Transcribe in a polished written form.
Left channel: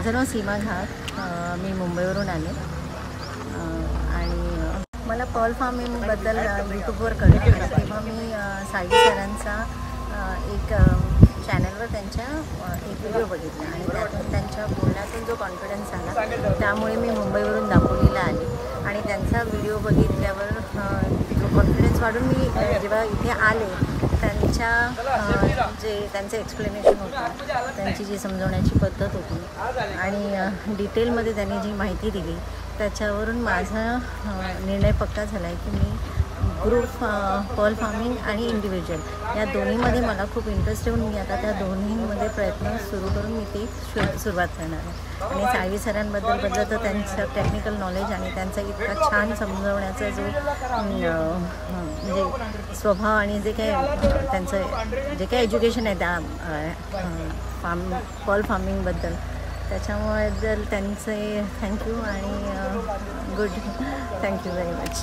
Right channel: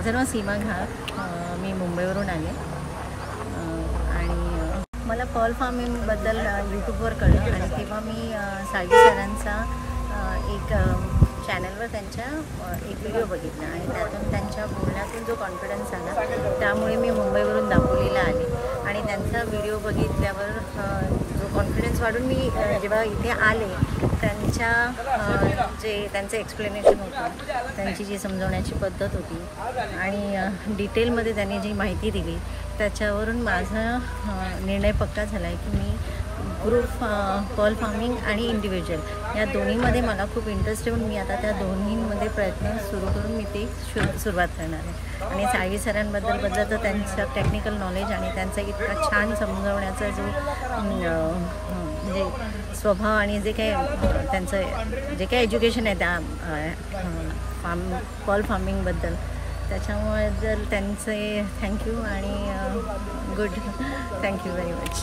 माझं नाव सीमा घाग, मी मुंबईवरून आले आणि मला पर्ल फार्मिंगबद्दल यूट्यूबवर कळलं आणि तेव्हा मी साळवी सरांचा एक चॅनलवर त्यांच्या एक व्हिडिओ बघितला आणि त्यातून त्यांच्या बोलण्यातून जो कॉन्फिडन्स आला त्यामुळे मी मुंबईवरून दापोलीला आले आणि त्यांचा व्हिडिओ बघितल्यावर जो कॉन्फिडन्स वाढून मी जेव्हा इथे आले त्यांचं एक्सप्लेनेशन होतं, त्यांची जी समजवण्याची पद्धत होती आणि डिटेलमध्ये त्यांनी जी माहिती दिली त्याच्यावरून माझा निर्णय पक्का झाला आहे की मी ग्रुप पर्ल फार्मिंग आणि इंडिव्हिज्युअल या दोन्हीमध्ये मला खूप इंटरेस्ट येऊन मी आता त्या दोन्हीमध्ये प्रयत्न सुरू करून मी ती सुरुवात करणार आहे. आणि साळवी सरांबद्दल तर त्यांचं टेक्निकल नॉलेज आणि त्यांचा इतका छान समजवण्याचा जो म्हणजे स्वभाव आणि जे काही त्यांचं जे काही एज्युकेशन आहे त्या पर्ल फार्मिंगबद्दल त्याच्यामुळे जर त्यांचे थँक्यू आणि गुड थँक्यू व्हेरी मच.